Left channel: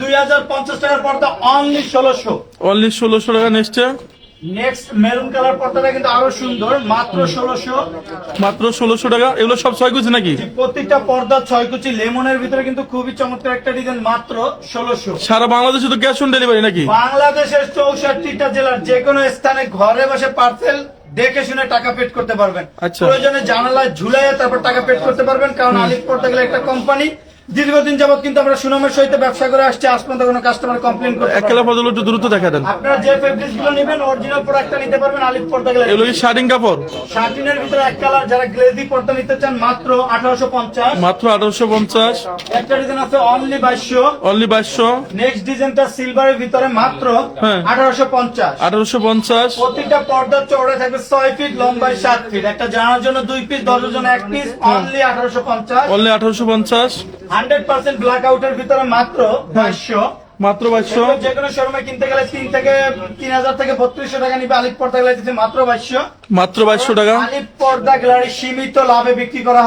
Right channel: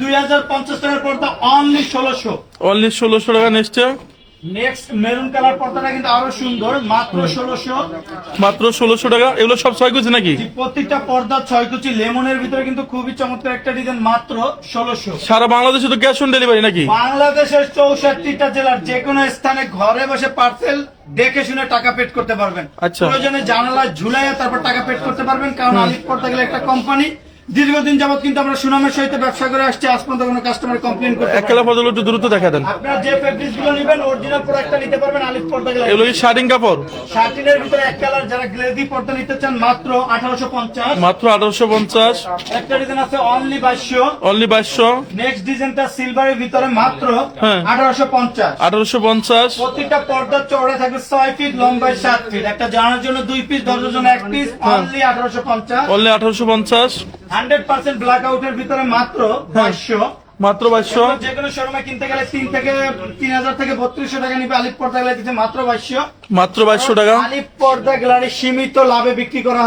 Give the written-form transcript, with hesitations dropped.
2050 টাকার পর্দা only 1600। Only 1600 টাকা। নেক্সট মেরুন কালার পর্দাটা কিন্তু আরো সুন্দর, মাত্র 1600। মাত্র 1600 টাকা। এগুলো সব 6 কুচি নাকি? প্রত্যেকটা পর্দা 6 কুচি, লেমনের ভিতরে কিন্তু খুবই চমৎকার একটা ডিজাইন, মাত্র 1600। সারা বাংলাদেশে তো ক্যাশ অন ডেলিভারি নাকি? বাংলাদেশের 64টা জেলার যে কোনো স্থানে ঘরে বসে পার্সেল দেখে শুনে টাকা পেড করতে পারবেন। আচ্ছা। প্রয়োজনে জানালায় ঝুলাইয়া তারপর টাকা পেড করতে পারবেন, কারণ আলিফ পর্দা গেলে একটা কোম্পানি, দীর্ঘদিন যাবত কিন্তু আমরা সুনামের সহিত ব্যবসা করে আসছি, আজ পর্যন্ত কোনো কাস্টমার কমপ্লেন করতে এক কালার পর্দাগুলো একটু দ্রুত দেখা দেন। আপনারা যে ফেব্রিক্স গুলো নেবেন অরিজিনাল প্রোডাক্টটা নিতে পারবেন আলিফ পর্দা গেলে। এগুলো কি শার্টিং কাপড়? শার্টিনের ভিতরে এক কালার, যারা গ্লেজি পর্দা নিতে চান মাত্র 1850। মাত্র 1850। একটা ডিজাইন আছে অনলি 2200। অনলি 2200। নেক্সট ডিজাইনটা সিলভারের ভিতরে মাত্র হ্যাঁ। 1850। 1850। প্রত্যেকটা পর্দার চওড়ায় থাকবে 6 ফিট, লম্বায় 7 ফিট। একটা জানার জন্য 2 পিস, দরজার জন্য 1 পিস, অনলি 1850। অনলি 1850। 100% ব্ল্যাক আউটের ভিতরে মাত্র 2200। মাত্র 2200। যে কোনো শোরুমে কিনতে গেলে 3000 থেকে 3200 টাকা নিবে, আলিফ পর্দা গ্যালারি মাত্র 2200। মাত্র 2200 টাকা। আলিফ পর্দা গ্যালারি সীমিত লাভে বিক্রি করা হয়।